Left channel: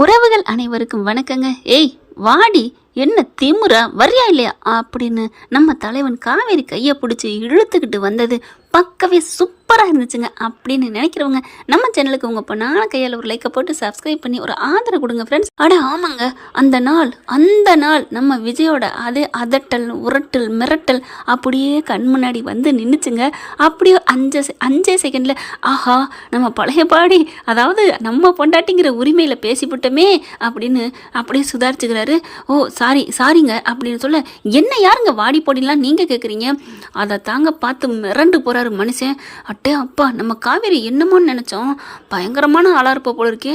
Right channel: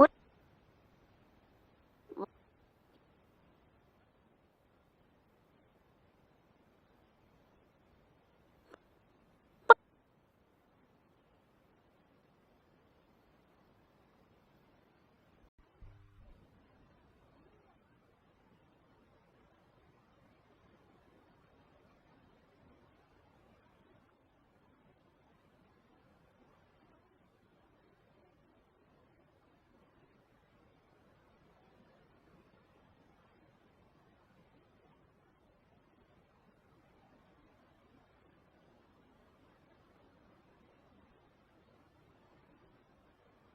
உறவுகள் அனைவருக்கும் வணக்கங்க. ஏய் வாடி, என்ன திமுறா, வரியா இல்லையா அப்படின்னு நம்ம தலைவன் காவேரி கையை பிடிச்சி இழுத்துக்கிட்டு வந்தது பக்கவே சூப்பராக இருந்துச்சுங்க. அப்படின்னு நினைக்கிறவங்க நம்ம சேனலுக்கு உங்கள் பொண்ணான கையால் ஒரு லைக்கை போட்டு சப்ஸ்கிரைப் பண்ணி ஒரு ஆதரவு கொடுங்க ஃப்ரெண்ட்ஸ். ஆமாங்க, அந்த நாள் நம்ம விஜயோட அதே அதட்டல் உரட்டல் மிரட்டல் அப்படியே கண் முன்னாடி வந்து நின்றுச்சுங்க. அப்படியே அஞ்சே செகண்டில் ஆஹா நம்ம பழைய பாடி, அதாவது நம்ம பொண்டாட்டிங்கிற உரிமையில் பேசிவிட்டோமே அப்படின்னு அப்படியே சுதாரிச்சுக்கிறாரு. ஓ சாரிங்க அப்படின்னு சொல்ல, என்ன யாருங்க வாடி போடிலாம் நீங்கள் கேட்குறீங்க? அதை தாங்க பார்த்து மிரண்டு போகிறாரு மனுஷன். அட்டே அப்பா, நம்ம காவேரி என்னமோன்னு நினச்சோம், பயங்கரமான ஆளாக இருப்ப போல இருக்கே.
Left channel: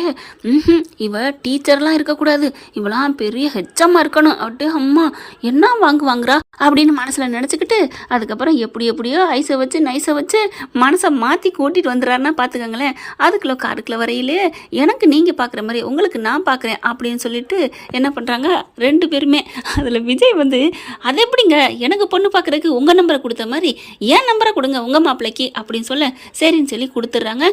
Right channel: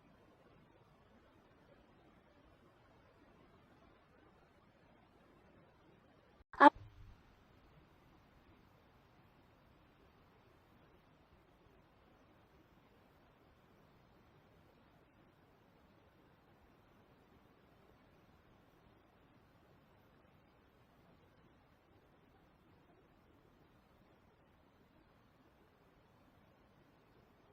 இவ டீச்சர்லாம் இருக்கக்கூடாது, இவெல்லாம் பெரிய ஹெச்சமாக இருக்கணும். அட்டே அம்மா, என்ன வாங்குறா அப்படின்னு மனசில் நினச்சிக்கிட்டு அதுக்கப்புறம் எப்படியோ ஐஸை வச்சு நைஸை வச்சு மனசை மாற்றி கூட்டிகிட்டு வந்துடுறாருன்னா பார்த்துக்கங்களேன். அதுக்குள்ள காருக்குள்ள வரையிலே எனக்கு நீங்கள் பார்க்குற மாதிரி உங்களுக்கு நான் பார்க்குறேன் அப்படின்னு சொல்லிட்டு என்ன பண்ணுறாங்க ரெண்டு பேருமே. அதில் விஜய் வந்து, அது எப்படிங்க எனக்கு பொண்ணு பார்க்குறதுக்கு உங்கள் நம்பரை கொடுத்த மாதிரி ஏன் நம்பரை கொடுங்க உங்கள் மாப்பிள்ளைக்கு அப்படின்னு சொல்ல, சரின்னு சொல்லி கொடுத்துட்றாங்க.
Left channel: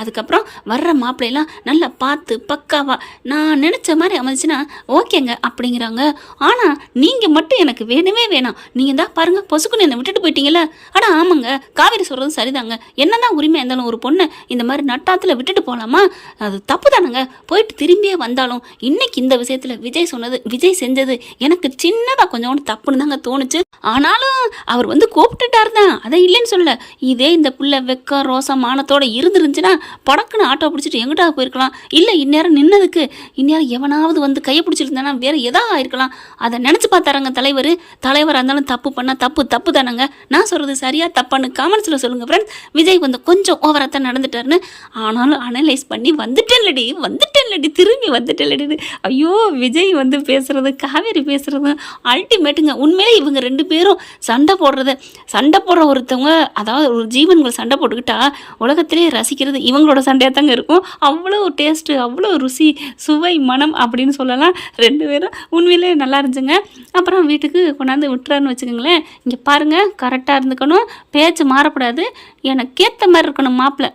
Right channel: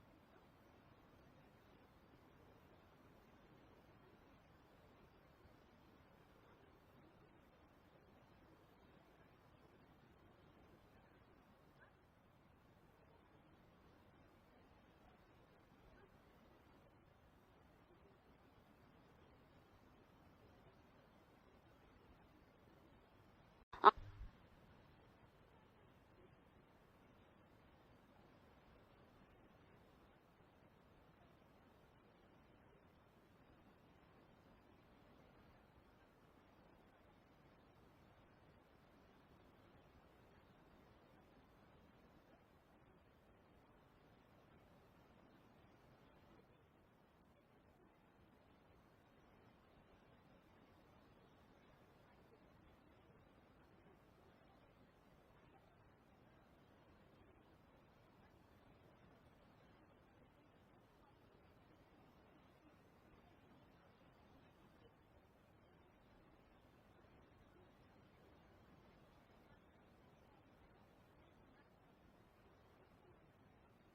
அதுக்கப்புறம் வர்ற மாப்பிள்ளையெல்லாம் நல்லா பார்த்து பக்காவா நான் நினச்ச மாதிரி அமைச்சுன்னா ஓகேங்க அப்படிங்கிறாங்க. ஆனால் நீங்கள் மட்டும் எனக்கு வேணவே வேணாம். நீங்கள் தான் பாருங்கள் பொசுக்குன்னு என்னை விட்டுட்டு போயிட்டீங்களா? ஆனால் ஆமாங்க, காவேரி சொல்கிறது சரிதாங்க. என்னதான் உரிமை இருந்தாலும் ஒரு பொண்ணை இந்த மாதிரி நட்டாத்தில் விட்டுட்டு போகலாமா? அது தப்பு தானங்க. போயிட்டு திரும்பியே வந்தாலும் இன்னைக்கு இந்த விஷயத்தில் விஜய் செஞ்சது எனக்கு சின்னதாக கொஞ்சோண்டு தப்புன்னு தாங்க தோணுச்சு. ஆனாலும் அவர் வந்து கூப்பிட்டுட்டார் தான், அதை இல்லைன்னு சொல்ல. இதே இந்த பிள்ளை வெக்க ரோசம் மானத்தோடு இருந்துருந்துச்சுன்னா படக்குன்னு ஆட்டோ பிடிச்சிட்டு எங்கிட்டா போயிருக்கலாம். இல்லை இந்நேரம் நின்னதுக்கு இந்நேரம் எவனாவது வந்து கையை பிடிச்சிருந்தானா வேறு எதாவது ஆயிருக்கலாம். அதை நினச்சி பார்த்தாரங்க தலைவராக இருந்தாலும் தப்பு பண்ணால் தப்பு தானங்க. நான் சொல்கிறது சரியா தப்பான்னு காமெண்ட்ஸில் சொல்லுங்கள் ஃப்ரெண்ட்ஸ். விஜய் வந்து கொஞ்சம் ஓவராக தான் நடந்துட்டாருன்னு. ஆனாலும் அனலைஸ் பண்ணி வந்துட்டேன்லடி திரும்பி வந்துட்டேன்லடி. ஐயோ, விஜய் வந்து பேசுகிறது காவேரி பேசுகிறது அல்டிமேட்டுங்க. உண்மையிலே இவங்க ரெண்டு பேரும் சண்டை போடுற ஒருத்தவங்க, அதாவது ஒரு ஜீவன்கள் சண்டை போட்டுக்கிட்டா உலகத்திலே ரசிக்கிறது இவங்களோட சண்டையாக தாங்க இருக்கும். அவ்வளோ டேஸ்ட்டு, அவ்வளோ ருசி, சுவை, மனம் அப்படின்னு சொல்லலாம். ரெண்டு பேரும் உண்மையிலே நல்லா இருந்துச்சுங்க. அப்புறம் வீட்டுக்கு கொண்டாந்து விட்டுறாருன்னு வச்சுக்கோங்களேன். இங்கே பாருங்கள், கரெக்டாக இருந்துக்கணும், பேச்சு மாறக்கூடாது, எனக்கு ஏற்ற மாதிரி இருக்கணும் மாப்பிள்ளை.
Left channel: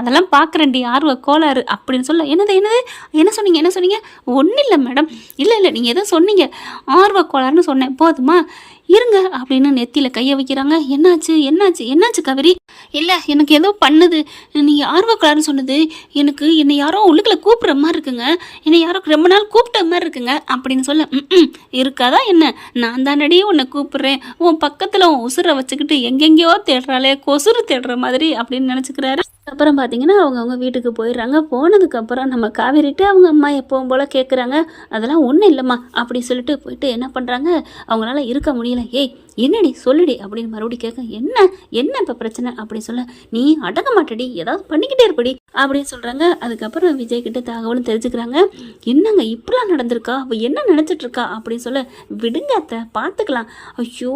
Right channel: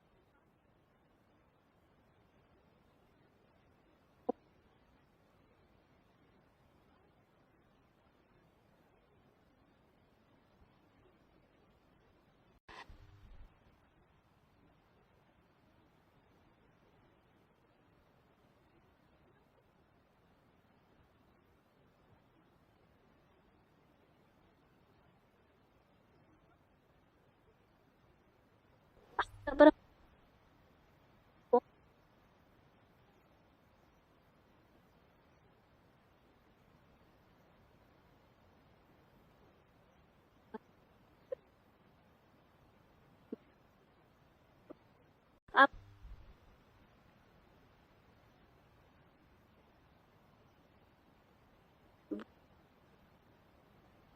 அதெல்லாம் பார்க்குறேன்டி ஆர்வ கோளாறு அப்படின்னு சொல்ல. என்ன சொன்னீங்க? ஒன்றும் இல்லை மேடம். இல்லை நீங்கள் எதோ சொன்னீங்க, ஆர்வ கோளாறுன்னு சொன்னேன், போதுமா இருங்க அப்படின்னு நெத்தியில் கையை வைக்கிறாங்க. என்னாச்சு காவேரி? இல்லை எனக்கு ஏதோ பண்ணுது, நீங்கள் ஆர்வக்கலாருன்னு சொன்னது எனக்கு என்னை யாரோ உள்ளுக்குள்ள கூப்பிட்ற மாதிரி இருக்குங்க, என்னை யாரோ ரொம்ப நாள் கூப்பிட்ட மாதிரி இருக்குங்க அப்படின்னு சொல்ல. இருக்காதா என்ன? நான் தானடி உன்னை கூப்பிட்றேன், உன் பக்கத்தில் உன் உசுரை வச்சுக்கிட்டு எங்கெங்கேயோ தேடுறாளே, கொசுறு தேடுற மாதிரி அப்படின்னு நினச்சிக்கிறாரு. அப்புறம் பார்த்தீங்கன்னா அவங்க வீட்டுக்கு போயிடுறாங்க. போனதுக்கப்புறம் நம்ம காவேரிட்டு அவங்க அம்மா எப்பவும் போல் கேட்குறாங்க. அதெல்லாம் ஒன்றும் இல்லைம்மா அப்படி சொல்லிட்டு போயிட்டு என்ன பண்ணுறாங்க, அவங்களால இருக்க முடியல. ஏய் என்னடி சொல்லுடி அப்படின்னு மறுபடியும் கேட்க, என்ன இப்போ பிரச்சனை அப்படி சொல்ல, நீ அடங்க மாட்டடி, ஏதாவது பண்ணிக்கிட்டே இருப்படி அப்படின்னு சொல்கிறாங்க. அதுக்கப்புறம் விஜய் கிட்ட தகவலும் தெரிஞ்சுக்கிறாங்க. என்னங்க இப்படிலாம் நடந்திருக்கா, அவள் என்ன நினச்சிட்ருக்கா அப்படின்னு சொல்ல, விடுங்க அத்தை பார்த்துக்கலாம். ஐயோ,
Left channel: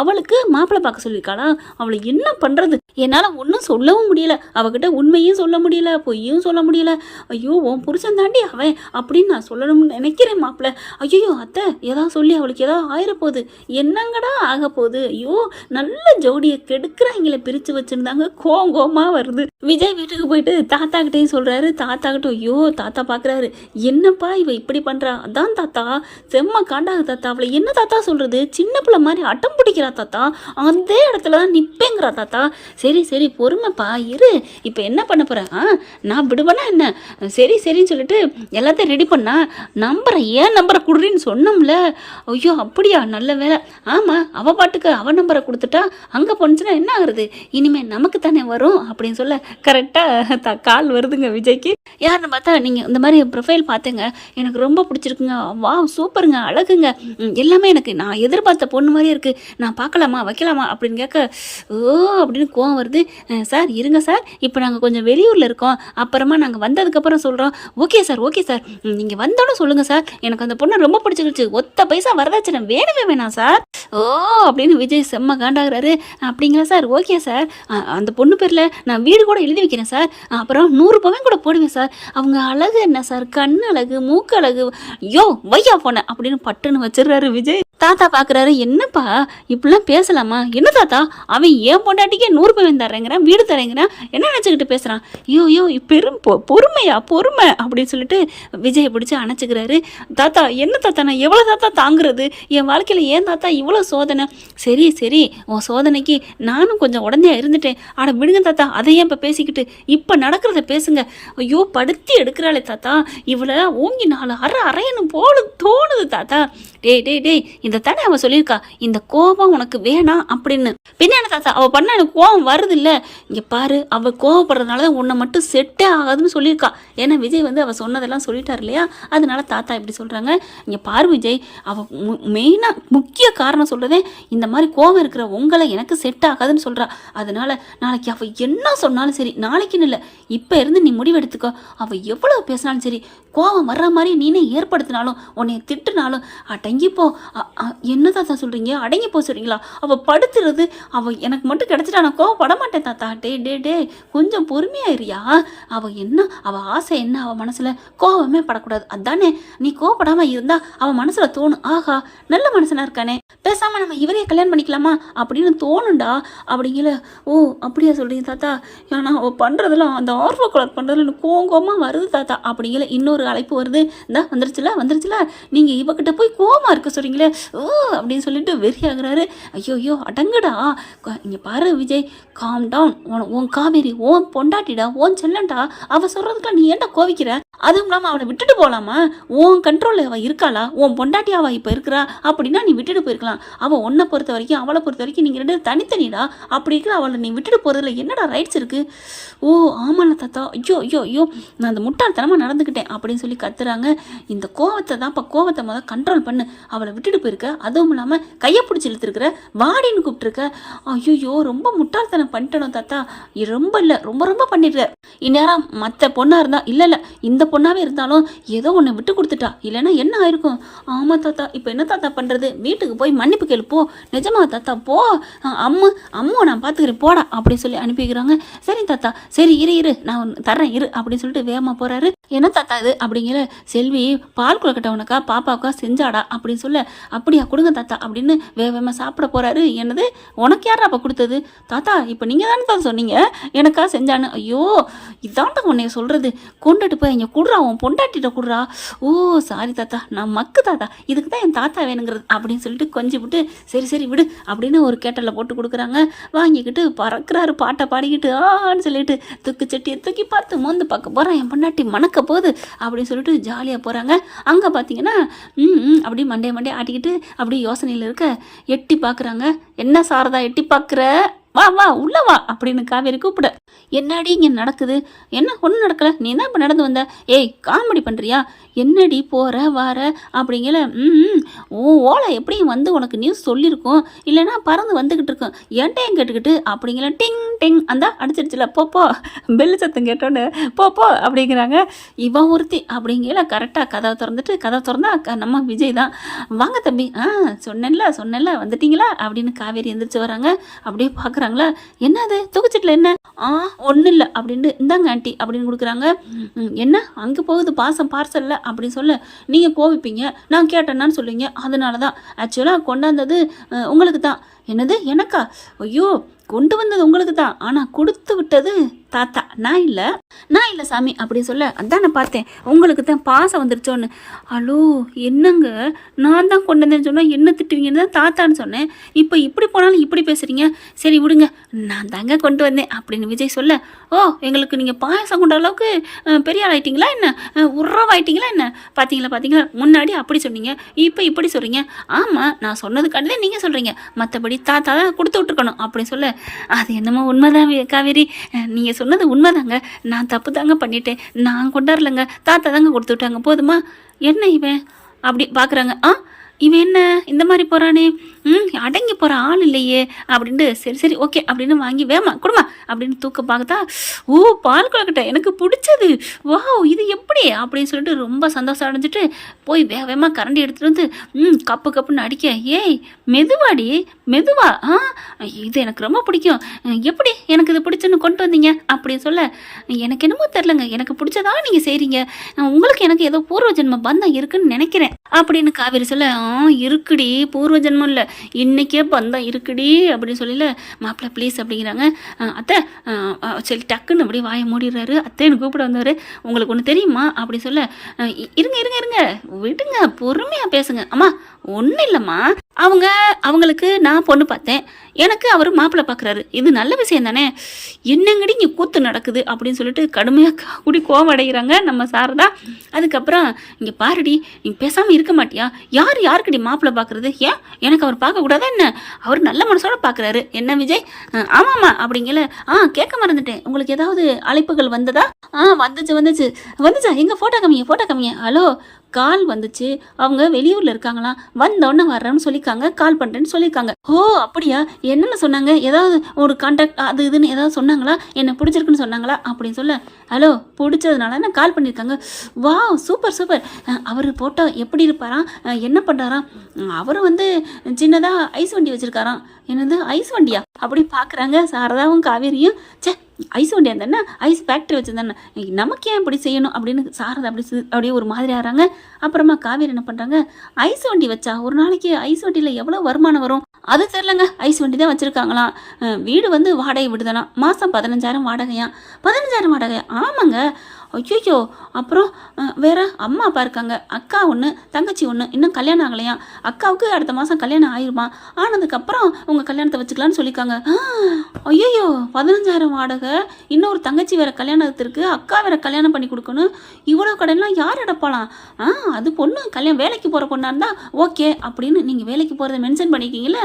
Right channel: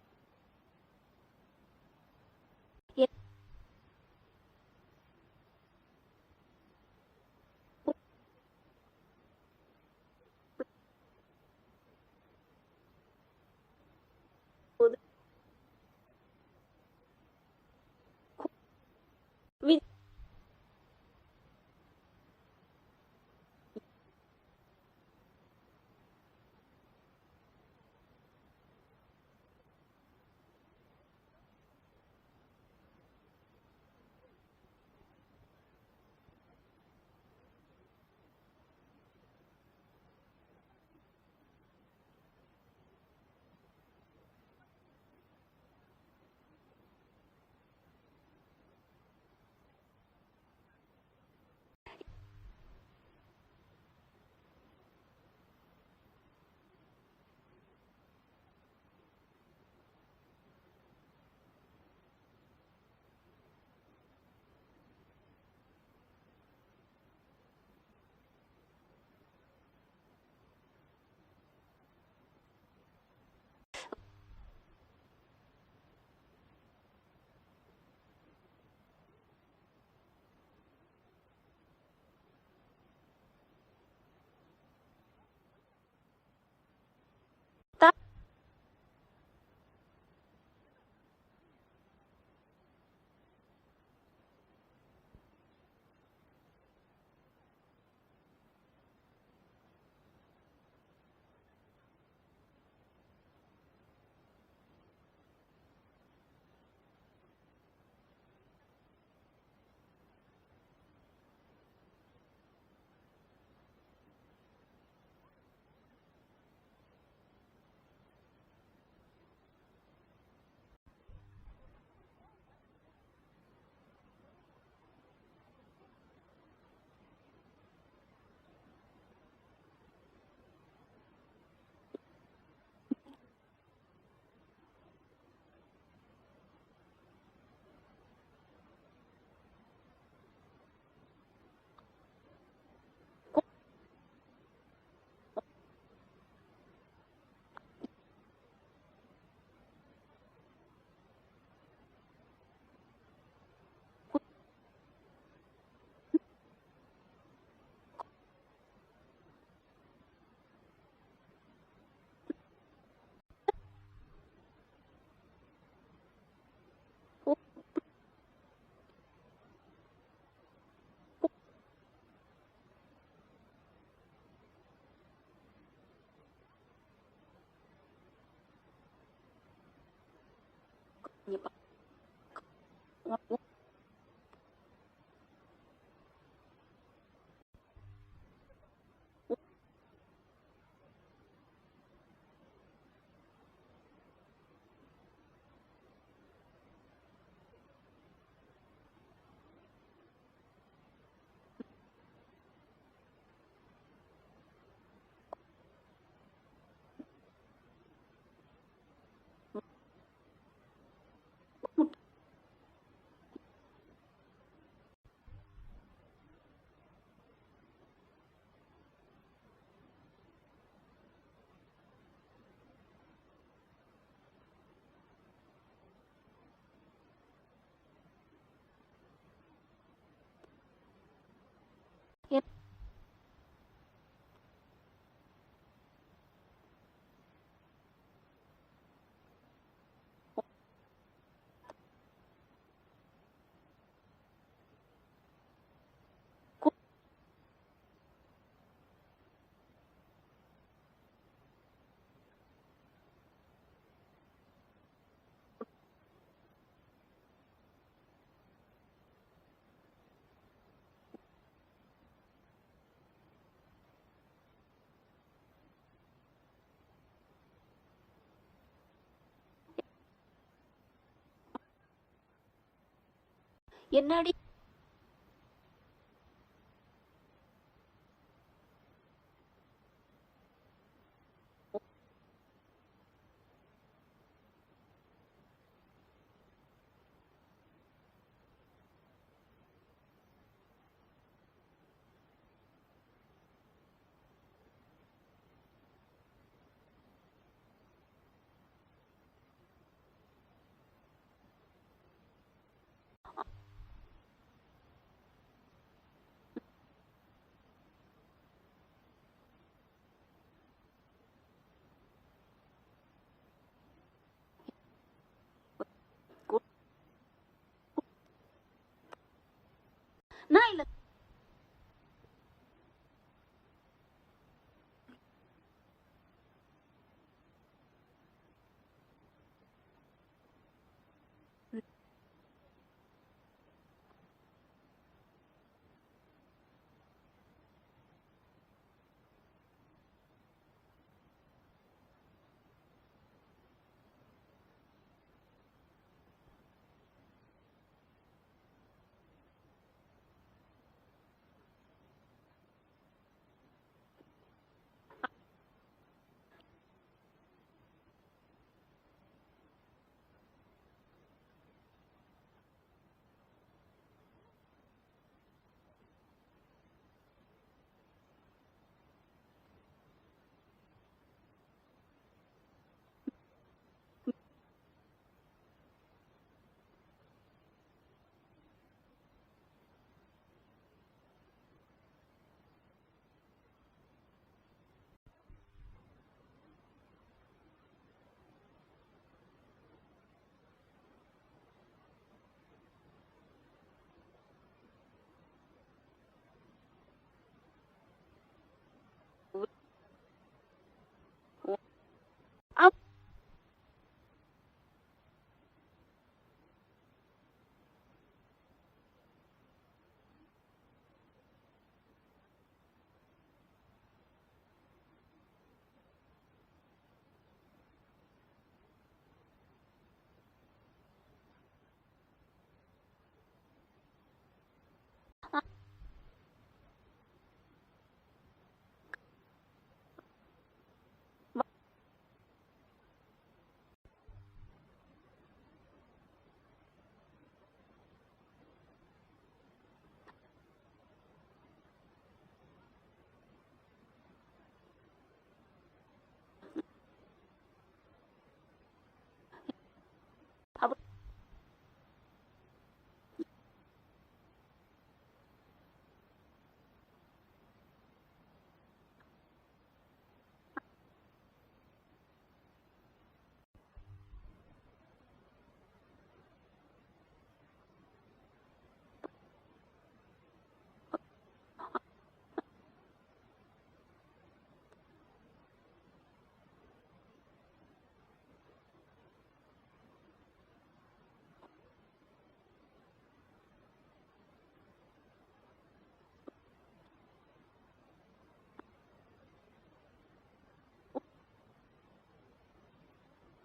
அவளுக்கு மாப்பிள்ளை பார்க்க சொல்லியிருக்காளா? அவளை என்ன பண்ணுறது? என்னால் ஒன்றும் சொல்லவும் முடியல, அவகிட்ட உண்மையும் சொல்ல முடியல, பொய்யும் சொல்ல முடியல. ஐயோ, உன் புருஷன் தாண்டி அவன் அப்படின்னு நான் சொல்லணும்னு நினைக்கிறேன் மாப்பிள்ளை. ஐயோ அத்தை, ஏதாவது சொல்லி அவளுக்கு ஏதாவது ஆயிரப்போகுது, என்னங்கடா ஆக போகுது? ஐயோ, நல்ல ஜோடியை கெடுக்கிறாங்களே பிரித்து வச்சுருந்தாங்க. கோவமாக வருது. விஜய் வீட்டுக்கு போயிட்டு தாத்தா கிட்டேயும் சொல்கிறாரு. தாத்தா கிட்ட ஐயோ தாத்தா பார்க்குறாரு, என்னப்பா இவ இப்படி பண்ணுறா? அதான் தாத்தா செம்ம காண்டாகு தாத்தா, அவளை என்ன தாத்தா சொல்கிறது, சின்ன பிள்ளை மாதிரி அட்டம் பிடிக்கிறா தாத்தா, அதே இடத்துல தான் நிற்பேங்கிறா தாத்தா. சரி பொறுமைப்பா இரு, இப்போ என்ன பண்ண போகிறேன், நான் விடுவேனா என்ன? சரின்னு சொல்லிட்டு எல்லாத்தையும் ரெடி பண்ணா, ஏன் நம்பரை கொடுறேன்னு சொன்னோம்ல. ஐயோ அப்படியா, நல்ல வேலை. ஆமாம், அவள் பாட்டுக்கு அவள் நம்பரை கொடுத்துட்டா அங்கே போனுச்சுன்னா என்ன ஆகுறது, இனிமேல் நமக்கு தானே வரும் அப்படின்னு சொல்ல, கரெக்டாக கால் வருதுங்க விஜய்க்கு. யாருன்னு பார்த்தா, நீங்கள் இந்த மாதிரி ப்ரொஃபைல் பார்த்தேங்க, எனக்கு ரொம்ப பிடிச்சிருக்குங்க, வா சூப்பருங்க, அழகுங்க, எல்லாமே எனக்கு நான் எதிர்பார்த்த பொண்ணு மாதிரியே இருக்குது, நான் பார்க்கலாமா வைக்கலாமா அப்படின்னு கேட்க, ஓ அப்படின்னு கோவம் வருது. சார் இருங்க சார், இப்போ நாங்கள் கொஞ்சம் வெளியூரில் இருக்கோம், அப்புறமா நாங்கள் வந்ததுக்கப்புறம் சொல்கிறோம். ஓகே சார் நீங்கள் வந்தோன்னு சொல்லுங்கள் சார், எனக்கு அந்த பொண்ணை ரொம்ப பிடிச்சிருச்சு, ஒத்த பைசா வரதாச்சு வேணவே வேணாம் சார். ஓ அப்படின்னு விஜய் செம்ம காண்டாகிறாரு. அப்படிங்களா சார், ஓகே சார், அந்த பொண்ணு பேரில் நான் வீடு கூட எழுதி வைக்கிறேன் சார், அப்புறம் 100 பவன் கூட போடுவேன் சார், அவங்க அழகு என்ன சார், கண் அழகு, மூக்கு அழகு, யோ வையா போன அப்படின்னு பட்டுன்னு வச்சிடுறாரு விஜய். தாத்தா பார்க்குறாரு, என்னப்பா இப்படிலாம் பேசலாமா? என்ன தாத்தா அவன் என் பொண்டாட்டிக்கே 100 பவன் தரேங்கிறான், வீடு தரேங்கிறான், என்ன நினச்சிக்கிட்டு பேசுகிறான்? ஐயோ ஐயோ பெரும் பொறுமையா பொறுமை அப்படின்னு சொல்லிட்டு விஜயை பிடிச்சி அணைச்சிக்கிறாரு. தாத்தா என்ன தாத்தா, நான் எவ்வளோ தாத்தா தாங்குறது? என் வாழ்க்கையில் ஏன் தாத்தா இவ்வளோ சோதனை? சரி சரி, உன் சோதனைக்கு நானும் கொஞ்சம் உடனே இருந்துட்டேன். ஆட விடுங்க தாத்தா, அதை ஏன் இப்போ பேசிக்கிட்டு, இப்போ நடக்கிறத பேசுங்க. ஐயோ படுத்தி எடுக்கிறாளே தாத்தா, இவளை ஓங்கி 4 அரையணும் போல தோணுது தாத்தா. டேய் டேய் டேய், இந்த தானே அவள் சொல்லியிருக்கா இந்த கோபம் உனக்கு வேணாம் அப்படின்னு. பின்ன என்ன தாத்தா, அவள் பண்ண எனக்கு கோபம் வருது இல்லை? இங்கே பாரு, அவள் கோவப்படுறதுனால தான் உன்னை மட்டும் செட்டே ஆகாதுன்னு சொல்லியிருக்கா. ஏன்னா விஜய் வந்து அவள் சொன்னதெல்லாம் சொல்லிட்டார் இல்லையா, அதனால தாத்தா இப்படி சொல்கிறாங்க. இங்கே பாரு விஜய், அவள் மெயினாக முக்கிய காரணம் சொல்கிறதே இந்த மாதிரி கோபம் இருக்கிற உங்களை எனக்கு செட் ஆகாதுன்னு சொல்கிறா. அதனால நாளைக்கு அவள் என்ன சொன்னாலும் சரி, நாளைக்குன்னு இல்லை இப்போ இருந்து நீ முடிவெடுத்துக்கோ. அவள் எவ்வளோ பேசினாலும் சரி, கோபம் வர்ற மாதிரி நீனே ஏற்படுத்தினாலும் உன்னை திட்டுனாலும் அடங்கிப்போ. என்ன தாத்தா சொல்கிறீங்க? அடங்கிப்போ சொல்கிறீங்களா? அவள் படுத்துறது, அவள் எனக்கு மட்டும் கிடச்சிட்டா நான் கோவப்பட மாட்டேன் தாத்தா. டே கொஞ்சம் பொறுமையாயிருயா. அவள் என்ன, அவள் ஆசை என்ன, அவள் மனசில் கோவமே படக்கூடாது, அதானே? நீ கோவப்படாமல் இருந்தால் அவள் மனசில் தோணும், ஆஹா நல்ல மனசனாக இருக்கானே, பேசாமல் நம்ம இவரையே கல்யாணம் பண்ணிக்கலாமா அப்படின்னு தோணுண்டா. அப்படிங்கிற, ஓ அப்படியா சொல்கிறீங்க தாத்தா? ஏன்னா அவள் பண்ணுறதெல்லாம் அந்த ஆர்வ கலர் பண்ணுறதுல எனக்கு கோவமாக வருது தாத்தா. அப்படிங்கிற இன்னொரு அழைப்பு வருது. இந்த வந்துருச்சுல நீங்கள் இவகிட்ட போய் கோவமாக இருக்க சொல்கிறீங்களே, ஓ அப்படின்னு சொல்லிட்டு வெறியாகிறாரு. ஐயோ அடங்குடா. இங்கே பாரு விஜய், காம் டவுன். உன் காவேரி ஓன் பொண்டாட்டிடா, ஓன் செல்லண்டா. அவள் சொல்கிறதுக்குலாம் நீ ஏன்டா கோவிக்கிற? அதுவும் இல்லாமல் அவளை விட்டுட்டு போகலாமா? உன் கண்ட்ரோலில் அவள் இருக்காளா? உன் பொண்டாட்டி அவள் இப்போ இருக்கிறா அப்படின்னா நீ விட்டுட்டு போயிருக்கலாம். அவள் உன்னை பொறுத்த வரைக்கும், அவளை பொறுத்த வரைக்கும் நீங்கள் 2 தனித்தனிடா. அப்படி இருக்கிற அவளை நீ விட்டுட்டு போகிறதுல என்னடா ரைட்ஸ் இருக்குது? ஓ ஆமாண்ணா தாத்தா, ஐயோ நான் அந்த முட்டாள்தனமாக நடந்துக்கிட்டேன் அப்படின்னு சொல்லி கத்துறாங்க. இந்த கோவத்தை முதல் கண்ட்ரோல் பண்ணு. அவளை விட்டுட்டு போயிருக்க, அதுவும் இல்லாமல் கையை பிடிச்சி இழுத்துருக்குற, வாடின்னு கூப்பிட்டுருக்க. ஐயோ ரொம்ப முட்டாள்தனம் பண்ணிட்டணும் தாத்தா. ரொம்ப இல்லை, ரொம்ப பண்ணிடுற. இந்நேரம் மற்ற பொண்ணாக இருந்தால், இல்லை இந்த பொண்ணாகவே இருந்தாலும் ஏதோ ஒன்று விட்டு கொடுத்துட்டா, இல்லைன்னா என்ன ஆயிருக்கும்? ஆமாம் தாத்தா, இப்போ என்ன தாத்தா பண்ணுறது? வீட்டுக்கு போய் மன்னிப்பு கேளு போ. நிஜமா தாத்தா போ, அம்மு நான் பார்த்துக்கிறேன் போடா அப்படின்னு சொல்லி அனுப்பிக்கிறாங்க. சரி தாத்தா, சரி இரு நான் தர்றேன் இரு அப்படின்னு சொல்லிட்டு வேகமாக போகிறாரு. என்ன தாத்தா இது அப்படிங்கிற, செல்வி பால் குளக்கட்ட உனக்கா பாப்பாவுக்கா செஞ்சாடா அப்படின்னு சொல்ல, அப்படியா கொடுங்க தாத்தா அப்படின்னு வேகமாக சாப்பிட போகிறாரு. என்னது உனக்கு யாரா அப்போ கொடுத்தது? தாத்தா இப்போ நீங்கள் தானே தான் சொன்னீங்க எனக்கா செஞ்சான்னு. ஐயோ இதான்டா உன்னைய சொல்கிறது, கொண்டுட்டு போய் இங்கே குடுறா, உன் பொண்டாட்டிட்ட குடுறா. ஓ சாரி தாத்தா, நான் மக்கு தாத்தா, இதுக்கு தான் என் தாத்தா வேணுங்கிறது அப்படின்னு சொல்லிட்டு கொஞ்சம் விட்டு, சரி விடு அப்படின்னு ஒரு கேட்டலில் போட்டு கொடுக்குறாங்க. வாங்கிக்கிட்டு பறக்கிறாரு, பாட்டை பாடிக்கிட்டு ஆன்னு சொல்லிட்டு தூக்கு சட்டியை தூக்கி பார்த்து மோந்து பார்க்க போகிறேன், என் பொண்டாட்டி மணக்க போகுது அப்படின்னு சொல்லிட்டு ஜாலியாக போகிறாங்க. அங்கே பார்த்தீங்கன்னா அப்படி மண்டே ஆட்டிக்கிட்டு அப்படி யோசனையில் இருக்க எட்டி பார்க்குறாங்க. என்ன சாரதா எட்டி பார்க்குற, வா உள்ள வா அப்படின்னு காவேரி கூப்பிட. என்னடி இங்கே நடக்குது? என்ன ஒன்றும் நடக்கலை, நீ தான் இப்போ நடந்து வந்த. ஏய் காமெடி பண்ணுறியா? என்னடி போகிற வார அப்படிங்கிற. ஓலை எப்படியும் வந்து உனக்கு நியூஸ் சொல்லியிருக்கோம், இல்லைன்னா பறந்து வந்துக்கிட்டு இருக்கோம், ஏன்ட்டையும் கேட்டுக்கிட்டு அப்படிங்கிற. டிங் அந்த அடிச்சிருச்சுல, போ பெல்லு சத்தம் கேட்டோன்னு போ அப்படிங்கிறாங்க. இவன் ஒருத்தி அப்படிங்கிற. கரெக்டாக கதவை திறந்தா நம்ம விஜய் தான். வாங்க தம்பி, சொன்னேன்ல வந்துட்டீங்களா அப்படின்னு காவேரி எந்திரிச்சு வராங்க. அப்படியே பார்க்குறாங்களா, என்னது தூக்குச்சிட்டில் என்ன? ஒன்றும் இல்லை அப்படின்ட்டு, இந்தாங்க ஆண்டி அப்படின்னு கொடுக்குறாங்க. என்ன அங்கே போகுது பாசம் பார்சல்ல அப்படின்னு சொல்ல, நீங்கள் கோவிப்பீங்க, நான் கேட்டேன்னான்னு சொல்லுவீங்க, அதனால தான் ஆக்சுவலாக கொண்டாந்தது உங்களுக்கு தான். என்னது எனக்கா? ஐயோ கொண்டு வந்தது உங்களுக்கு தான், ஆனால் கொடுத்து விட்டது தாத்தா, நான் இல்லை சாமி அப்படி சொல்ல, அதான் நான் பார்த்தேன் உங்களுக்கு தான் பாசம் வந்துருச்சோன்னு. ஹலோ என்னங்க, நான் தான் கொண்டு வந்தேன்னு சொன்னால் என்ன திட்டுவீங்கன்னு தான் தாத்தான்னு சொன்னேன், இப்போ இப்படி போனாலும் இப்படி பேசுகிறீங்க. சரி விடுங்க, நான் தாங்க கொண்டு வந்தேன் அப்படின்னு விஜய் சொல்ல, ஓ எங்களுக்கு நீங்கள் பாயசம் கொண்ட அளவுக்கு பெரிய ஆள் ஆயிட்டீங்களா என்ன, உறவாயிட்டீங்களா என்ன? பார்த்தீங்களா முன்னாடி அப்படி சொன்னீங்க, இப்போ இப்படி சொல்கிறீங்க. ஆமாம் நான் சொன்னதுக்காண்டி தான் நீங்கள் சொல்கிறீங்க, மற்றபடி தாத்தா தான் கொடுத்து விட்டுருக்கணும் அப்படின்னு சொல்ல, அது என்னமோ உண்மைதான் காவேரி, நீங்கள் சொன்னது உண்மைதாங்க, நான் தப்பு தாங்க பண்ணிட்டேன், நான் கொண்டாடலங்க, தாத்தா தாங்க கொடுத்து விட்டாங்க, போதுமா? என்ன இவன் அப்படி பார்க்குறாங்க. இவன் என்ன இந்த மாதிரி போகிறானே, அடங்கி போகிற ஆள் இல்லையே அப்படின்ட்டு, சரி ஓகே அப்படின்னு வாங்கி வேமா கொடுமா அப்படின்னு தூக்க பார்த்தா, ஓ பால் கொழுக்கட்டை எனக்கு பிடிச்சது, வா இது எப்படி அப்படின்னு சொல்லிட்டு ரொம்ப சந்தோஷம் அடைஞ்சிட்டு போய் வேகமாக கரண்டி எடுத்துகிட்டு வந்து கப்புன்னு அடிக்க. ஏய் மெதுவா இது எனக்கு ரொம்ப பிடிக்கும், எப்படி எனக்கு இது பிடிச்சுன்னு கொண்டு வந்தீங்க அப்படின்னு சொல்ல, எனக்கு என்னமோ தெரிலங்க, எனக்கு பிடிச்சதா நீங்கள் செய்கிறீங்க, உங்களுக்கு எனக்கு ஏதோ பூர்வ ஜென்ம பந்தம் இருக்குன்னு நினைக்கிறேன் அப்படின்னு காவேரி சொல்ல, இருக்குடி, பூர்வ ஜென்மம் இல்லை, இன்னைக்கே பந்தம் இருக்குடி அப்படின்னு சொல்லல, மாப்பிள்ளை ப்ளீஸ் அப்படிங்கிறாங்க. அத்தை சரி டக்குன்னு அப்படியே வாயை மூடிடுறாரு. அத்தைன்னு கூப்பிட வந்தவர், உங்களுக்கு ஒன்று தெரியுமா அப்படி சொல்ல, இருங்க இருங்க இருங்க விடுங்க, பொறுமையாக பேசுங்க. அம்மா ஒன்றும் இல்லைம்மா, அவங்களுக்கு நான் பொண்ணு பார்த்தேன், எனக்கு அவர் மாப்பிள்ளை பார்க்குறாரு, இது நல்ல விஷயம் தானே, என்னங்கடி இங்கே கூத்து நடக்குது அப்படின்னு சொல்லிட்டு கடுமையாக கூடி கோவம் அடைகிறாங்க நம்ம சாரதா. அதுக்கப்புறம் இங்கே பாருடி, நீ பேசாமல் இருக்க மாட்டியா, யாருக்கடி மாப்பிள்ளை பார்க்குறது, ஏன் எனக்கு அவர் பார்க்கக்கூடாதா என்ன, அவர் நல்ல மனசோட பார்க்குறாரு என்ன விஜய். ஆமாம்மா அப்படிங்கல. கேட்க மறந்துட்டேன், உங்களுக்கு ஏதாவது அழைப்புகள் வந்ததா? வந்துச்சா எங்கே ஃபோட்டோ காமிங்க. ஹலோ, கால் வந்துச்சு, அவங்க வெளியூரில் இருக்காங்களாம், வந்தோடனே வர்றேன்னு சொல்லியிருக்காங்க, கால் பண்ணுறேன்னு சொல்லியிருக்காங்க. ஓ அப்படியா, என்னென்ன சொன்னாங்க, ஏதாவது ஒரு கான்டாக்ட் அது இதுன்னு ஏதாவது சொன்னாங்களா, என்ன பிடிச்சிருக்குன்னு சொன்னாங்களா அப்படின்னு சொல்ல, ஹலோ பிடிச்சதுனால நான் கால் பண்ணியிருக்காங்க. வா சூப்பர். அவர் போட்டோ எப்படி இருப்பாராம், என்ன பண்ணுறாராம், அவர் சின்னதாக ஐஸ் வண்டி வச்சுருக்காராம். என்னது ஐஸ் வண்டியா அப்படி பார்க்குறாங்க சாரதாவும் காவேரியும். ஐஸ் வண்டி அந்த ஐஸ் ஃபேக்ட்ரி வச்சுருந்தானே, நமக்கு ஏன் இப்படி செய்யணும் அப்படின்னு சாரதா அப்படியே ஒரு மாதிரி ஆகிறாங்க. அப்புறமா காவேரி என்ன பண்ணுறாங்க, ஐஸ் வண்டி வச்சா ஒரு நாளைக்கு ஐஸ் வண்டியில் எவ்வளோ வருமானம் வரும் அது தெரிலங்க, ஐஸ் வண்டி தான் வச்சுருக்காங்களாம். வீடு வாடகை விடுதானா, மாதம் 15,000 வாடகையா. 15,000 வாடகையா? ஆமாங்க. ஐயோ, அப்புறம் வேற அம்மா அப்பா இருக்காங்க, அக்கா ஒன்று தங்கச்சி ஒன்று, இன்னும் கல்யாணம் ஆகலையா, அக்காவுக்கு அடுத்த மாதம் கல்யாணம் ஆயிருமா, ஆனதுக்கப்புறம் உங்கள் கல்யாணத்தை வச்சுக்கலான்னு சொல்லியிருக்காங்க. ஐயோ 15,000 வாடகை, இன்னொரு தங்கச்சி வேற கல்யாணத்திற்கு, அக்கா வேற கல்யாணம் பண்ணி கொடுக்கணும், இவ்வளோ கடையெல்லாம் யார் எடுப்பாலாம். அது பொண்ணு கல்யாணம் வேலைக்கு போகிற பொண்ணாக இருந்தால் ஓகே அப்படின்னு நீங்கள் வேலைக்கு போகிறத மென்ஷன் பண்ணிக்கிங்களே,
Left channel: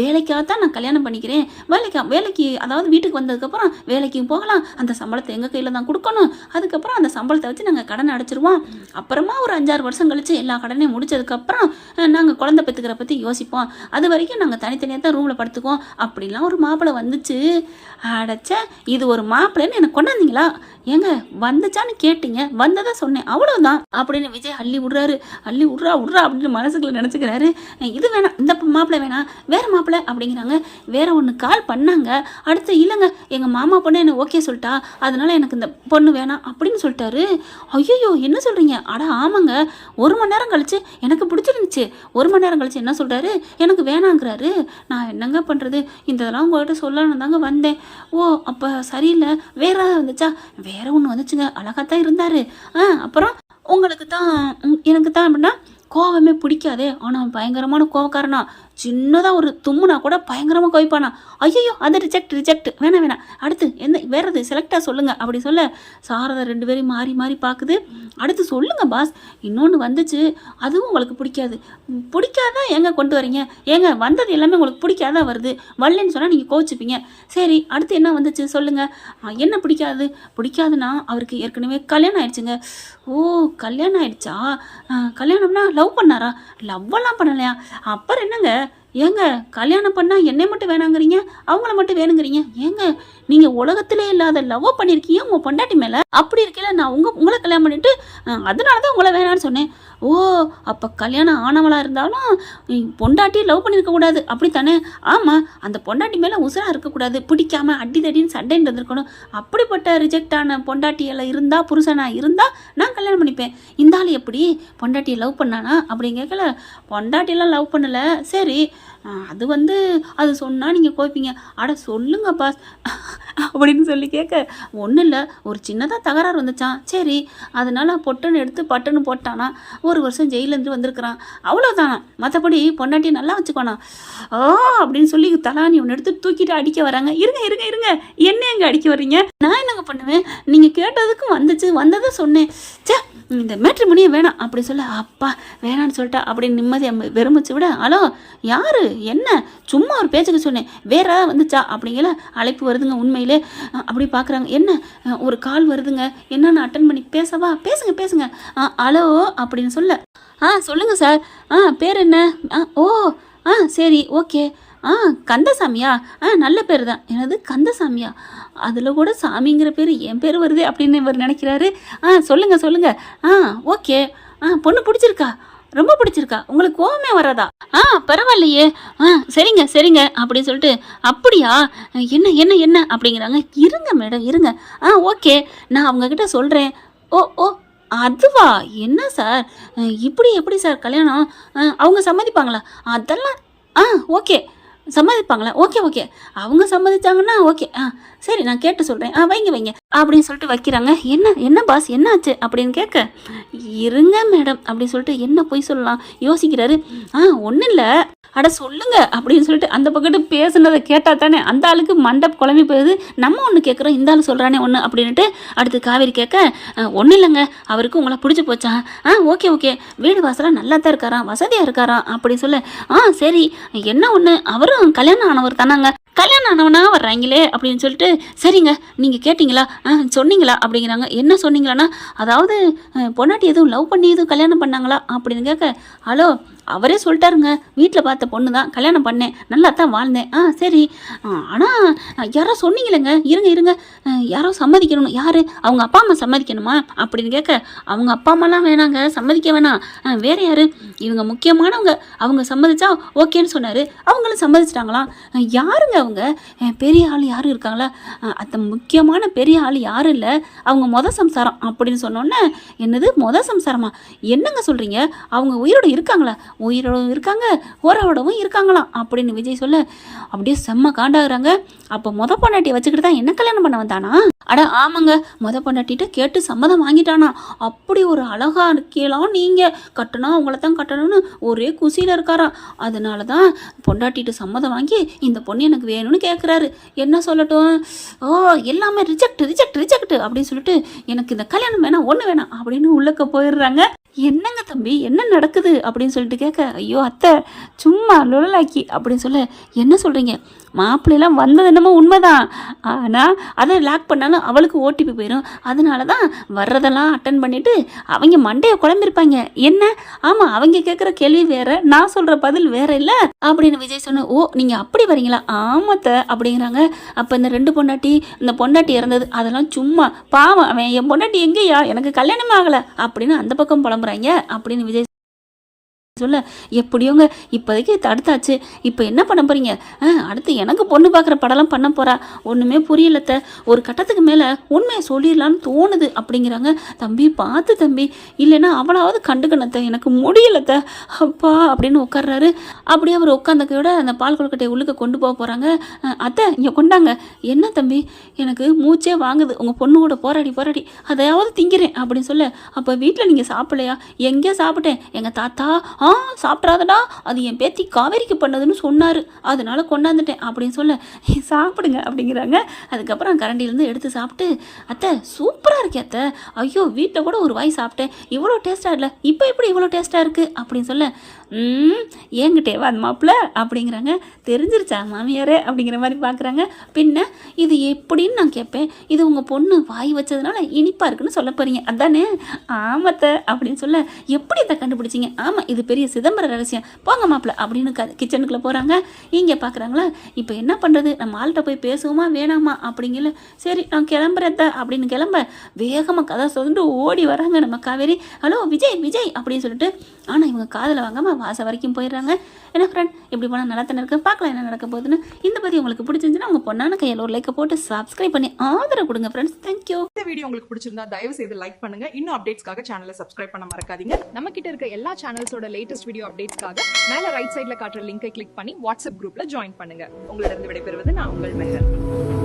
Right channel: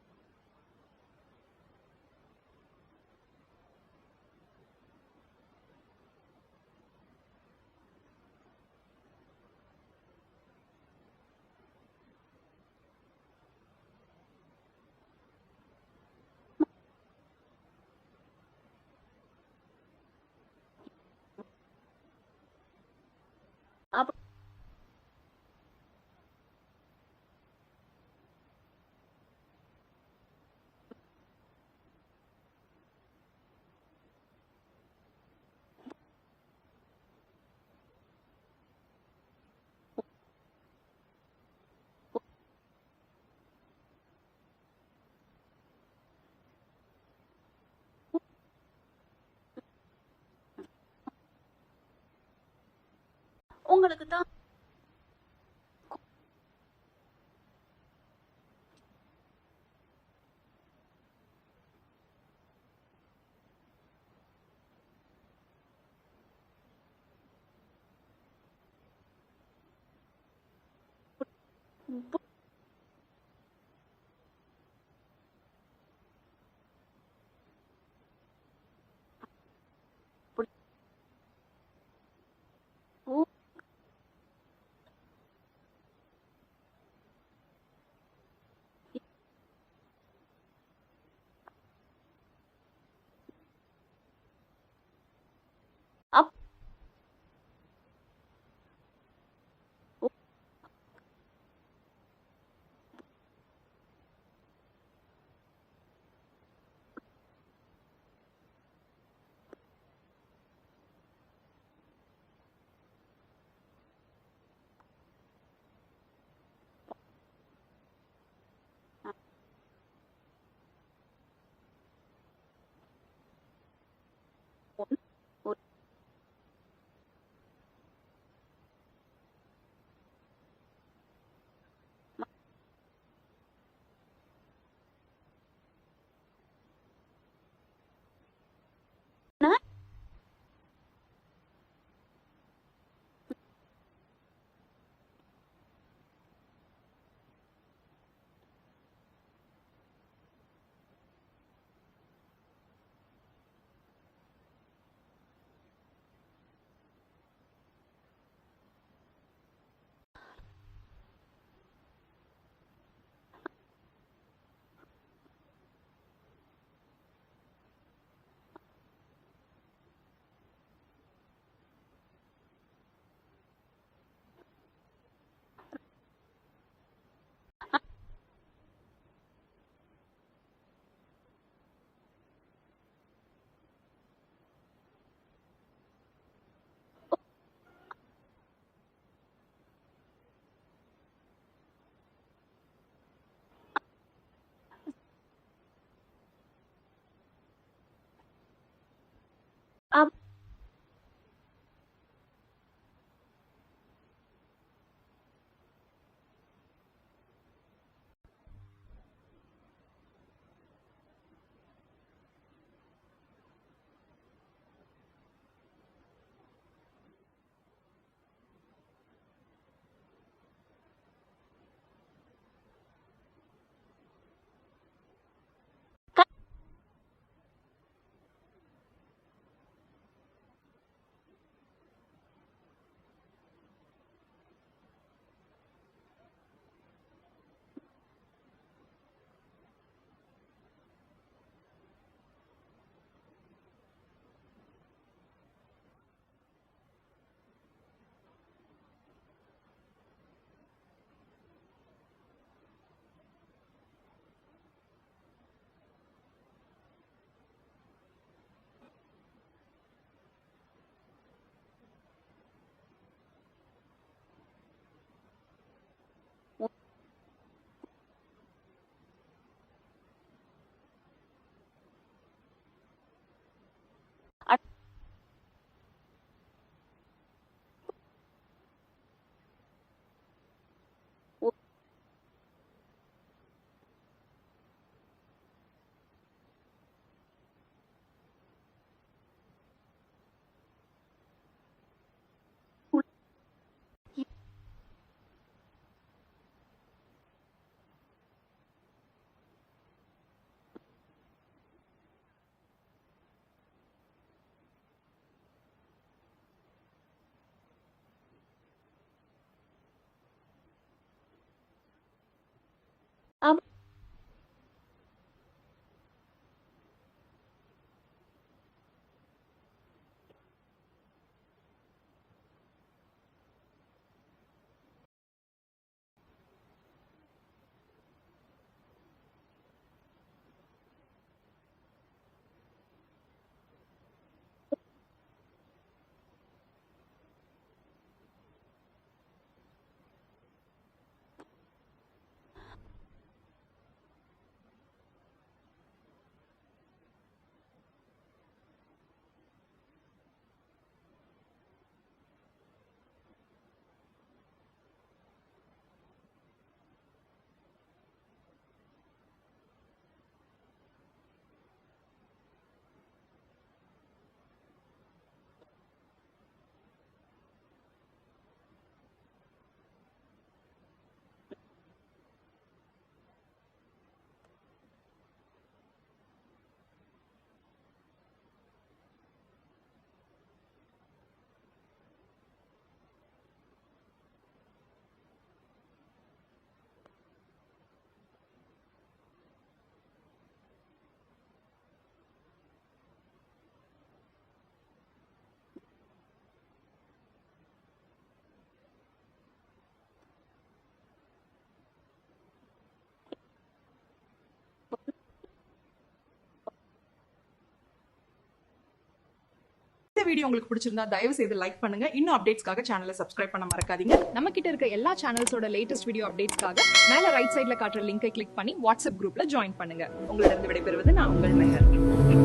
வேலைக்காகத்தான் நான் கல்யாணம் பண்ணிக்கிறேன், வேலைக்கு அதாவது வீட்டுக்கு வந்ததுக்கப்புறம் வேலைக்கும் போகலாம், அந்த சம்பளத்தை எங்கள் கையில் தான் கொடுக்கணும், அதுக்கப்புறம் அந்த சம்பளத்தை வச்சு நாங்கள் கடனை அடைச்சிருவோம், அப்புறமா ஒரு 5-6 வருஷம் கழிச்சு எல்லா கடனையும் முடிச்சதுக்கப்புறம் நாங்கள் குழந்தை பெற்றுக்கிற பற்றி யோசிப்போம், அது வரைக்கும் நாங்கள் தனித்தனியாக தான் ரூமில் படுத்துக்குவோம் அப்படிலாம் ஒரு மாப்பிள்ளை வந்துச்சு. அடைச்ச இது ஒரு மாப்பிள்ளைன்னு எனக்கு கொண்டாந்தீங்களா, ஏங்க வந்துச்சான்னு கேட்டீங்க, வந்ததை சொன்னேன் அவ்வளோதான் அப்படின்னு விஜய் அள்ளி விட்றா அப்படின்னு மனசுக்குள்ள நினச்சிக்கிறாரு. இது வேணாம், இந்த மாப்பிள்ளை வேணாம், வேறு மாப்பிள்ளை அப்படிங்கிறாங்க. வேற ஒன்று கால் பண்ணாங்க, அடுத்து இல்லைங்க எங்கள் மாமா பொண்ணு என்ன ஓகே சொல்லிட்டா, அதனால எனக்கு இந்த பொண்ணு வேணாம் அப்படின்னு சொல்லிட்டாரு. ஐயோ என்ன சொல்கிறீங்க, அட ஆமாங்க, 1 மணி நேரம் கழிச்சு எனக்கு பிடிச்சிருந்துச்சு, 1 மணி நேரம் கழிச்சு என்ன சொல்கிறாரு, எனக்கு வேணாங்கிறாரு. நான் என்னங்க பண்ணுறது, இந்த இதெல்லாம் உங்கள்கிட்ட சொல்லணும் தாங்க வந்தேன். ஓ அப்போ சரியில்லை, வேற வந்துச்சா, வேற ஒன்று வந்துச்சுங்க, அழகாத்தான் இருந்தார். அப்புறம் எனக்கு தான் அப்படின்னா கோவமே பிடிக்காதே, ஆனால் பயங்கரமான கோவக்காரனா, சின்னதாக ஒரு தும்முனா கூட பயங்கரமாக கோவிப்பானா. ஐயோ அது ரிஜெக்ட் வேணாம், அடுத்து வேறது செலக்டாக சொல்லுங்கள் அப்படி சொல்ல, சாரதா 2 பேரையும் மாறி பார்க்குது. அடுத்து சொல்லுங்கள் பாஸ், இன்னொன்று வந்துச்சு, அதுவும் உங்களுக்கு பிடிக்காதான் ஏங்க கொண்டு வரீங்க, ஏங்க வந்தது எல்லாமே உங்களுக்கு பிடிக்காதான் வருது, வரலன்னு சொன்னால் நீங்கள் கோச்சிப்பீங்க. சரி அடுத்து என்ன வந்துச்சு சொல்லுங்கள், என்ன பிடிக்காதுன்னா அவருக்கு ஏற்கனவே கல்யாணம் ஆயிடுச்சுங்க. ஓ கல்யாணம் ஆயிடுச்சா, கல்யாணம்னா லவ் பண்ணாரா, லவ்வெல்லாம் பண்ணலையா, அப்புறம் என்னங்க, ஏங்க கல்யாணம் பண்ணால் என்னை மட்டும் வேணாங்கிறீங்க, அவங்கள மட்டும் வேணுங்கிறீங்க, ஏங்க நீங்கள் உலகத்திலே இல்லாத லவ் பண்ணியிருக்கீங்க உங்கள் பொண்டாட்டி மேலே, அப்படி இருக்கல நான் உங்களை கல்யாணம் பண்ணிவிட்டு அதனால தான் உங்களை வேணான்னு சொன்னேன். ஓ அப்போ கல்யாணம் ஆனவளாக இருந்தாலும் பொண்டாட்டியை லவ் பண்ணியிருக்கக்கூடாது அப்படித்தானே, ஆமாம் அந்த பொண்டாட்டி மேலே உசுராக இருக்கக்கூடாது, பிடிக்காம அடிதடின்னு சண்டைன்னு இருந்திருக்கணும், அப்படிப்பட்ட ரிஜெக்ட் ஆன பொண்டாட்டியில் இருந்தால் புருஷனாக இருந்தால் நான் கல்யாணம் பண்ணிப்பேன். இந்த ஆள் எப்படி பொண்டாட்டியை லவ் பண்ணானா அப்படின்னு கேட்கல, பொண்டாட்டியெல்லாம் லவ் பண்ணலை, சரி அது அது சொன்னால் நீங்கள் கோய்ப்பீங்க, அட சொல்லுங்க பாஸ் அப்படின்னு சொல்லி கேட்க, ஒன்றும் இல்லை ஒரு சின்னதாக தகராறு வந்துச்சான், சரி அதனால் பொட்டுன்னு எடுத்து பட்டுன்னு போட்டானா, 1 வருஷம் ஜெயிலேருந்து வந்திருக்கிறான், அவ்வளோதானா, மற்றபடி பொண்டாட்டியை நல்லா வச்சுக்கோனா. அப்படின்னு சொல்லி தலானி ஒன்று எடுத்து தூக்கிட்டு அடிக்க வராங்க. இருங்க என்ன எங்கே அடிக்க வர்றீங்க, நான் என்னங்க பண்ணுவேன், நீங்கள் கேட்டதுக்கும் வந்ததை சொன்னேன், இந்த மேட்ரிமோனியே வேணாம் அப்படி சொல்ல, அப்பா வேணான்னு சொல்லிட்டா அப்படின்னு நிம்மதியாக வெறுமிச்சு விட, ஹலோ யாரு என்ன சும்மா ஒரு பேச்சுக்கு சொன்னேன், வேற வந்துச்சா அப்படிங்கிற அழைப்பு வருதுங்க. உண்மையிலே அப்படி பார்க்குறாங்க, என்ன ஒரு கால் வருதுங்க, என்னன்னு அட்டன் பண்ணி பேசவா, பேசுங்க ஹலோ அப்படின்னு சொல்ல, சொல்லுங்கள் சார், பேர் என்ன, ஓ சரி ஓகே, கந்தசாமியா, நல்ல பேர் தான், எனது கந்தசாமியா, அதில் கூட சாமிங்கிற பேர் என் பேர் வருது அப்படின்னு இவர் நினைக்கிறாரு. சொல்லுங்க ஓகே, பொண்ணு பிடிச்சிருக்கா, ரொம்ப பிடிச்சிருக்கா, உங்களுக்கு கோவமே வராதா, பரவாயில்லையே, சரிங்க அப்படின்னு சொல்லிட்டு, அப்படியா என்ன அப்படிங்கிறாங்க. இருங்க மேடம் இருங்க, ஓகே நான் அவங்கக்கிட்ட சொல்கிறேன். ஓ அதுவா? என்ன சார் இப்படி எப்படி சார் கல்யாணம்? அவங்க சம்மதிப்பாங்களா? அதெல்லாம் ஓகே. சம்மதிப்பாங்களா? Okay, okay. அவங்க சம்மதிச்சாங்கன்னா ஓகே. சரி நான் கேட்டு சொல்கிறேன். வைங்க வைங்க அப்படின்னு சொல்லிட்டு வைக்கிறாங்க. என்ன என்ன பாஸ் என்னாச்சு அப்படின்னு கேட்க, இருங்க மேடம் அப்படின்னு சொல்லிட்டு என்ன பொய் சொல்லலாம் யோசிக்கிறாரு. ஒன்றும் இல்லை, அட சொல்லுங்க அப்படின்னு சொல்லிட்டு அந்த பக்கத்து பேசுனதை கேட்டால் தானே அந்த ஆளுக்கு மண்டப் குழம்பி போகுது. நம்ம ஒன்று கேட்குறோம், இந்த ஆள் சொல்கிறானே ஒன்று அப்படின்ட்டு அடுத்து காவேரி கேட்க, ஒன்றும் இல்லைங்க, அவருக்கு உங்களை பிடிச்சி போச்சா? ஓகே ஓகே, வீடு வாசலாக நல்லா தான் இருக்காராம், வசதியாக இருக்காராம் அப்படி சொல்ல, சரி என்ன ஒன்று, அவரும் கல்யாணம் ஆனவர் தானாங்க, கல்யாணம் ஆனவனா வர்றாங்களே அப்படின்னு சொல்லிட்டு, சரிங்க நீங்கள் கேட்டிங்களா? சொன்னீங்களா அப்படிங்கிறாங்க. என்ன சொன்னீங்களான்னா, அதாவது பொண்டாட்டி எதுவும் லவ் பண்ணி எதுவும் கல்யாணம் பண்ணாங்களா அப்படின்னு கேட்க, ஹலோ அவரே சொல்லிட்டாருங்க, வீட்டில் பார்த்த பொண்ணு தான், கல்யாணம் பண்ணேன், நல்லா தான் வாழ்ந்தேன். சரி, ஆனால் யாரோ சொன்னீங்களேங்க, இருங்க இருங்க, யாரோ சம்மதிக்கணும், யார்? அவங்க அப்பா அம்மா சம்மதிக்கணுமா அப்படின்னு கேட்க, அவங்க அப்பா அம்மாலாம் வேணாங்க, சம்மதிக்க வேணாம், வேறு யார்? இவங்க முக்கியமானவங்க, அவங்க சம்மதிச்சா ஓகேன்னு சொன்னார், அவங்களும் சம்மதிச்சிட்டாங்களாம். யாருங்க அவங்க? பெரிய ஆள் யாரும் இருக்காங்களா? அந்த முக்கியமான பெரிய ஆள் யாரும் இல்லை, அவங்க சம்சாரம் அப்படின்னு சொன்னோன்னே, என்னது சம்சாரமா? என்னங்க சொல்கிறீங்க? அவங்க உயிரோடு இருக்காங்களா? உயிரோடும் இருக்காங்க, உறவோடவும் இருக்காங்களாம் அப்படின்னு விஜய் சொல்ல, அப்படியே செம்ம காண்டாகிறாங்க. அப்போ பொண்டாட்டியை வச்சுக்கிட்டு தான் என்ன கல்யாணம் பண்ண வந்தானா? அட ஆமாங்க, பொண்டாட்டிகிட்ட கேட்டு சம்மதம் வாங்கிட்டானா. அப்படி ஒரு அழகா இருக்கலாம், நீங்கள் கட்டணா உங்களை தான் கட்டணும்னு ஒரே குசியில் இருக்காராம். அதனால தான் பொண்டாட்டிட்டு சம்மதம் வாங்கி இந்த பொண்ணு எனக்கு வேணும்னு கேட்குறாரு. என்ன சொல்லட்டும்? எல்லாமே ரிஜெக்ட் ரிஜெக்ட் ரிஜெக்ட் அப்படின்னு சொல்லிட்டு, எனக்கு இந்த கல்யாணம் வேணாம், ஒன்று வேணாம் அப்படின்னு உள்ளக்க போயிடுறாங்க. என்னங்க தம்பி என்ன நடக்குது அப்படின்னு சொல்லிட்டு கேட்க, ஐயோ அத்தை சும்மா லுழலாக்கி அப்படின்னு சொல்ல, என்ன சொல்கிறீங்க? மாப்பிள்ளைலாம் வந்தது என்னமோ உண்மைதான், ஆனால் அதை லாக் பண்ணாலும் அவளுக்கு ஓடிபி போயிடும். அதனால தான் வர்றதெல்லாம் அட்டன் பண்ணிவிட்டு அவங்க மண்டையை குழம்பிருப்பாங்க. என்ன? ஆமாம், அவங்க கேட்குற கேள்வி வேறு, நான் சொல்கிற பதில் வேறு இல்லை அப்படின்னு விஜய் சொன்ன. நீங்கள் அப்படி வரீங்களா? ஆமாத்த அப்படிங்கிறாங்க. அப்போ இந்த 2 பொண்டாட்டி, இந்த பொண்டாட்டி இறந்தது அதெல்லாம் சும்மா, பாவம் அவன் என் பொண்டாட்டி எங்கேயா, எனக்கு கல்யாணமே ஆகலை அப்படின்னு அந்த பக்கம் புலம்புறாங்க அப்படின்னு விஜய் சொல்ல, எப்படியோங்க இப்போதைக்கு தடுத்தாச்சு, இப்போ என்ன பண்ண போகிறீங்க? அடுத்து எனக்கு பொண்ணு பார்க்குற படம்லாம் பண்ண போகிறா, ஒன்றுமே புரியலத்த, ஒரு கட்டத்துக்கு மேலே உண்மையை சொல்லிடலான்னு தோணுது அப்படிங்கிறாங்க. தம்பி பார்த்து தம்பி, இல்லைன்னா அவளாவது கண்டுக்கணத்த, எனக்கு முடியலத்த அப்பா அப்படின்னு உட்கார்றாரு. அப்படியே அவர் உட்காந்தக்கையோட அந்த பால் கொழுக்கட்டையை உள்ளுக்க கொண்டு போக போகிறாங்க. அத்தை இங்கே கொண்டாங்க. என்ன தம்பி, எனக்கு மூச்சே வாங்குது, உங்கள் பொண்ணு கூட போராடி போராடி அதையாவது திங்கிறேன் அப்படின்னு சொல்ல, அப்போ வீட்டில் நீங்கள் சாப்பிடலையா? எங்கேயோ சாப்பிட்டேன், எங்கள் தாத்தா சாப்பிட்றாதடா, அது என் பேத்தி காவேரிக்கு பண்ணதுன்னு சொன்னார், அதனால கொண்டாந்துட்டேன் அப்படின்னு சொல்ல, சாப்பிடுங்க அப்படிங்கிறாங்க. அதுக்கப்புறம் கரண்டிலேருந்து எடுத்து சாப்பிட்டு, அத்தை சூப்பராக இருக்கே அத்தை, ஐயோ வீட்டில் கூட ஒரு வாய் சாப்பிட்டேன், இவ்வளோ டேஸ்ட்டாக இல்லை, இப்போ எப்படி இவ்வளோ டேஸ்ட்டாக இருக்குது அப்படின்னு சொல்ல, ஏங்கிட்டேவா அந்த மாப்பிள்ள அப்படிங்கிறாங்க. தெரிஞ்சிருச்சா மாமியாரே அப்படிங்கிற மாதிரி பார்க்குறாங்க. பின்ன இது எப்படின்னு நான் கேட்பேன், இது உங்கள் பொண்ணு வாய் வச்சதுனால இனிப்பாக இருக்குன்னு சொல்ல போகிறீங்க அதானே? ஆமத்தை அப்படின்னு சொல்ல, எப்படி இதை கண்டுபிடிச்சிங்க? ஆமாம், இது பெரிய சிதம்பர ரகசியம், போங்க மாப்பிள்ள அப்படின்னு கிச்சனுக்குள்ளே போகிறாங்க. இங்கே பார்க்குறாங்களா, இப்போ என்ன பண்ணுறது, நம்ம ஆள்கிட்ட போய் பேசுவோமா வேணாமா அப்படிங்கல, சரி நான் கிளம்புறத அப்படின்னு கிளம்ப வேகமாக கதை சொல்லிட்டு ஓடி வராங்க நம்ம காவேரி. ஹலோ விஜய் விஜய் அப்படின்னு சொல்லிட்டு, ஆனால் இவங்க காதில் வாங்காமல் வாசல் வரைக்கும் போயிடுறாங்க. என்ன ஃப்ரெண்ட், இப்படி போனால் நல்லா தானே இருக்குது, பார்க்கலாம் என்ன நடக்க போகுதுன்னு. இந்த பற்றி உங்களுக்கு பிடிச்சிருந்துச்சுன்னா உங்கள் பொண்ணான கையில் ஒரு லைக்கை போட்டு சப்ஸ்கிரைப் பண்ணி ஆதரவு கொடுங்க ஃப்ரெண்ட்ஸ். தேங்க்யூ. இந்த வீடியோ உங்களுக்கு பிடிச்சிருந்தா தயவு செய்து லைக் பண்ணுங்க. இன்னும் அப்டேட்ஸ்க்காக சேனலை சப்ஸ்கிரைப் பண்ண மறக்காதீங்க. நம்ம கிட்ட இருக்க எல்லா சேனல்ஸோட லேட்டஸ்ட் வீடியோ அப்டேட்ஸ்க்காக மேல ரைட் சைடுல காட்டுற லிங்கை கிளிக் பண்ணி வாட்ஸ்அப் குரூப்ல ஜாயின் பண்ணுங்க. உங்களிடம் விடைபெறுவது நான் உங்கள் மெஹர்.